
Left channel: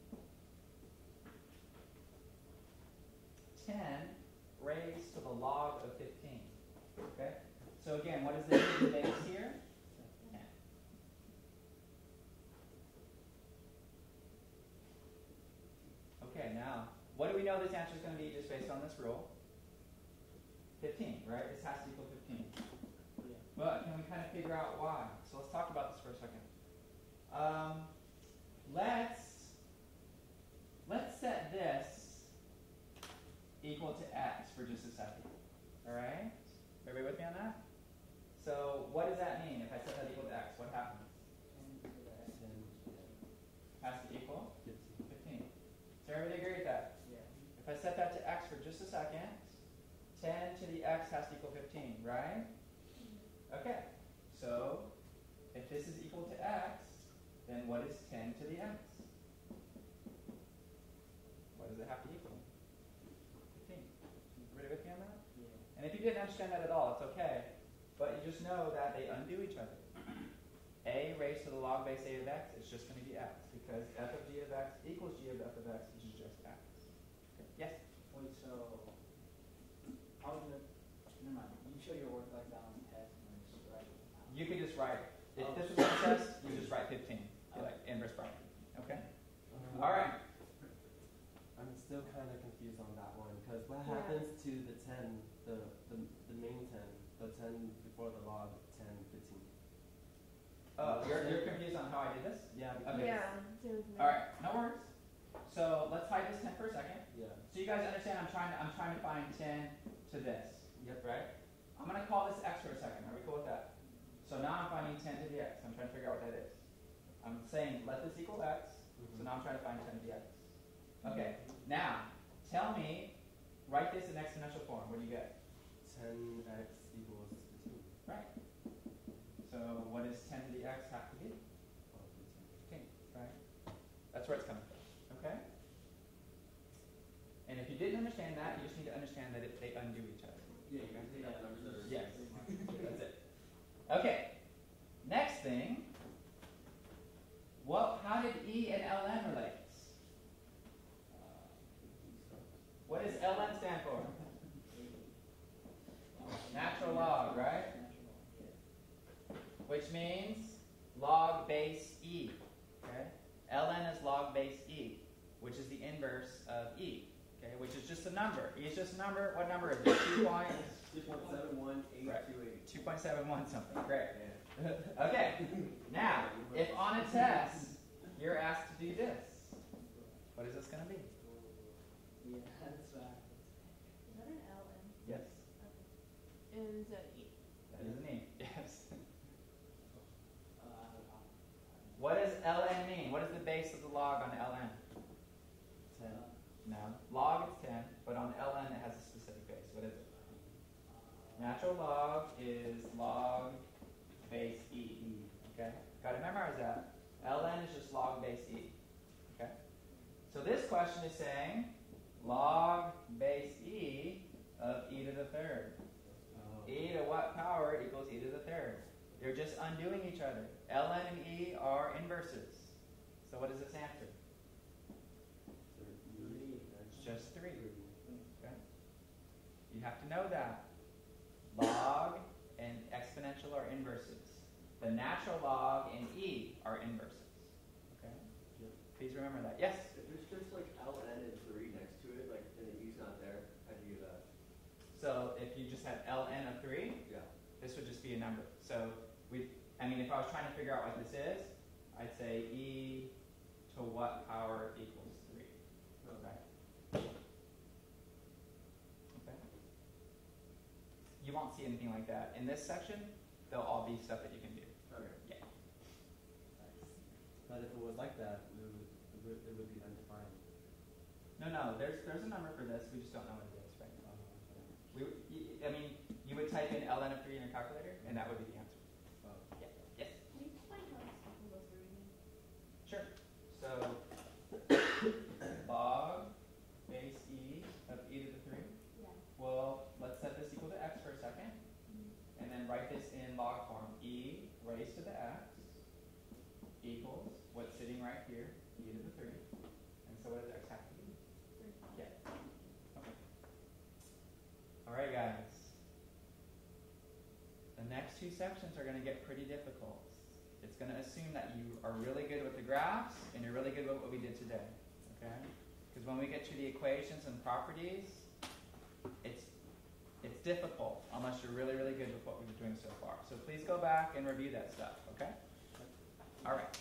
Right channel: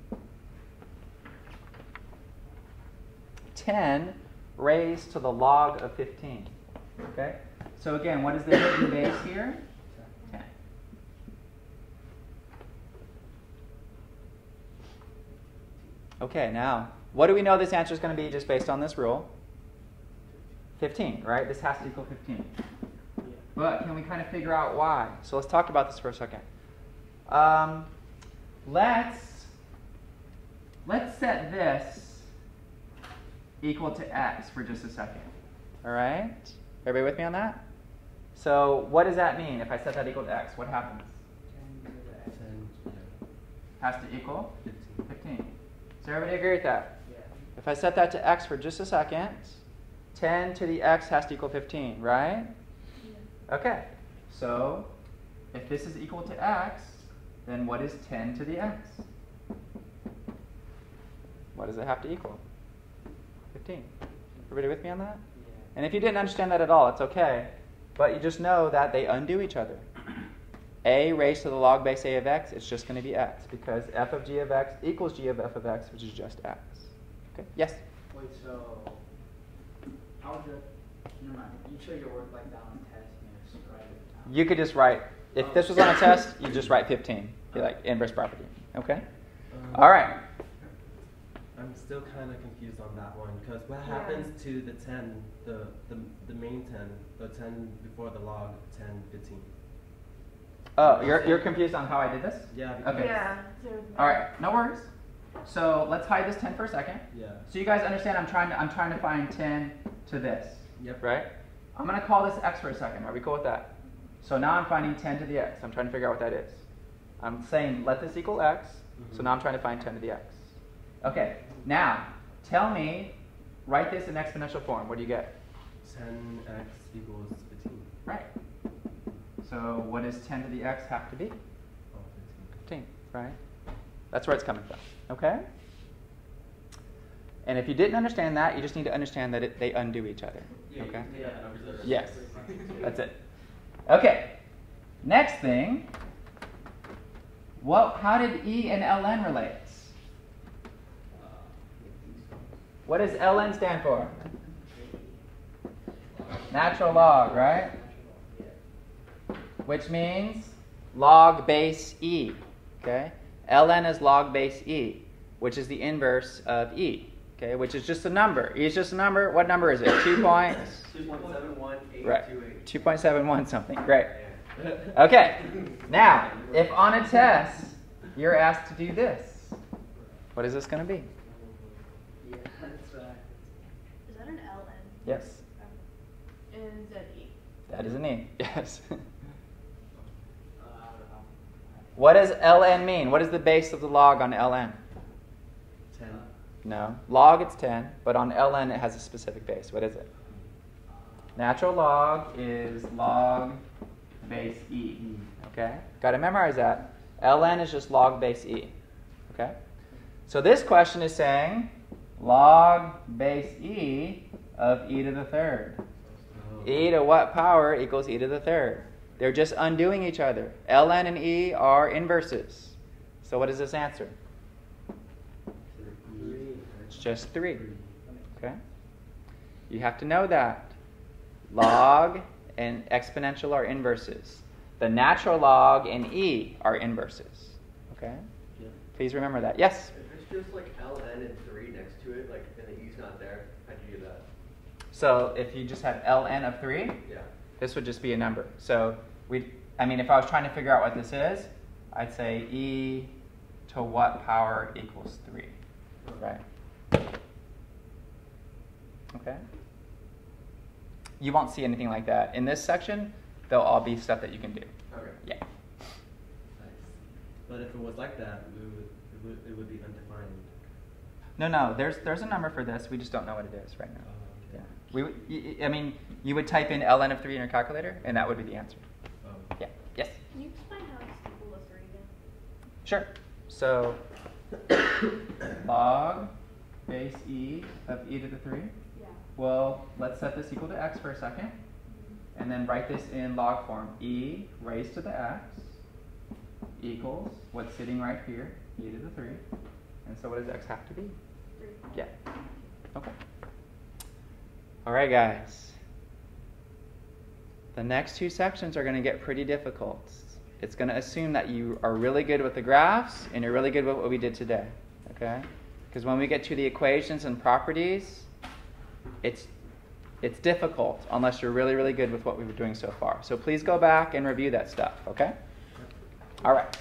10 raised to the log of 15. Okay? So again, what is the hidden base here? 10. Okay, now, what do we know this answer is going to be just based on this rule? 15, right? This has to equal 15. But can we kind of figure out why? So let's talk about this for a second. Let's set this equal to x for just a second. All right? Everybody with me on that? So what does that mean if I set that equal to x? What happens? 10. Has to equal 15. Does everybody agree with that? Yeah. If I set that to x for just a second, 10 to the x has to equal 15, right? Yeah. Okay. So if this is equal to x, then what is 10 to the x? What does it have to equal? 15. Everybody with me on that? Yeah. And if you didn't understand that at all, it's okay. But you just know that they undo each other. A raised to the log base a of x, it's just going to be x, because f of g of x equals g of f of x, which is just x. Okay? Yes? Wait, so how would you, never mind, you show your work like that on a test and you just write it down. You could just write, if this was on a test, you just write 15, be like inverse property. Okay? All right. I'm still kind of confused on that one, because what happens to the 10, the main 10, the 10 before the log, 10, 15? Oh, you're confused on how I did this? Yeah. Because Okay. Yeah. All right, no worries. So let's hide this 10 for a second. Yeah. So you guys understand I'm trying to find 10 to this. Yep. Right? I'm going to call this x for a second. Are we cool with that? So now I'm finding 10 to the x. I'm trying to figure out what that is. I'm saying let this equal x. So now I'm trying to find 10 to the x. Okay. Now, tell me, write this in exponential form. What do you get? 10x equals 15. Right. So what does 10 to the x have to be? 15, right? That's where it's coming from. Okay? And if you didn't understand that, you just need to understand that they undo each other. Okay? Yes. That's it. Okay. Next thing. How did E and ln relate? What does ln stand for? Natural log, right? Which means log base e. Okay? ln is log base e, which is the inverse of e. Okay? Which is just a number. E is just a number. What number is it? 2.71828. Right. 2.71 something. Great. Okay. Now, if on a test you're asked to do this, what is this going to be? Yeah, that's right. Is that an ln? Yes. Is that E? That is an e. Yes. What does ln mean? What is the base of the log on ln? 10. No. Log, it's 10, but on ln it has a specific base. What is it? Natural log is log base e. Okay? Got to memorize that. ln is just log base e. Okay? So this question is saying log base e of e to the third. E to what power equals e to the third? They're just undoing each other. ln and e are inverses. So what is this answer? It's just 3. Okay? You have to know that. Log and exponential are inverses. The natural log and e are inverses. Okay? Yeah. Please remember that. Yes? If it's just like ln and 3 next to it, like, and the e's not there, how'd you do that? So if you just had ln of 3, Yeah. this would just be a number. So if I was trying to figure out what this is, I'd say e to what power equals 3, right? Okay. You won't see anything like that. In this section, they'll all be stuff that you can do. Okay. Yeah. Nice. But if it was like that, it would be undefined. No, there's a number for this. We just don't know what it is right now. Oh, Yeah. okay. You would type in ln of 3 in your calculator, and that would be the answer. Oh. Yeah. Yes? Can you explain how it's equal to 3 again? Sure. So log base e of e to the 3. Yeah. Well, let's set this equal to x for a second, and then write this in log form. E raised to the x equals what's sitting right here, e to the 3. And so what does x have to be? 3. Yeah. Okay. All right, guys. The next 2 sections are going to get pretty difficult. It's going to assume that you are really good with the graphs and you're really good with what we did today. Okay? Because when we get to the equations and properties, it's difficult unless you're really, really good with what we were doing so far. So please go back and review that stuff. Okay? All right.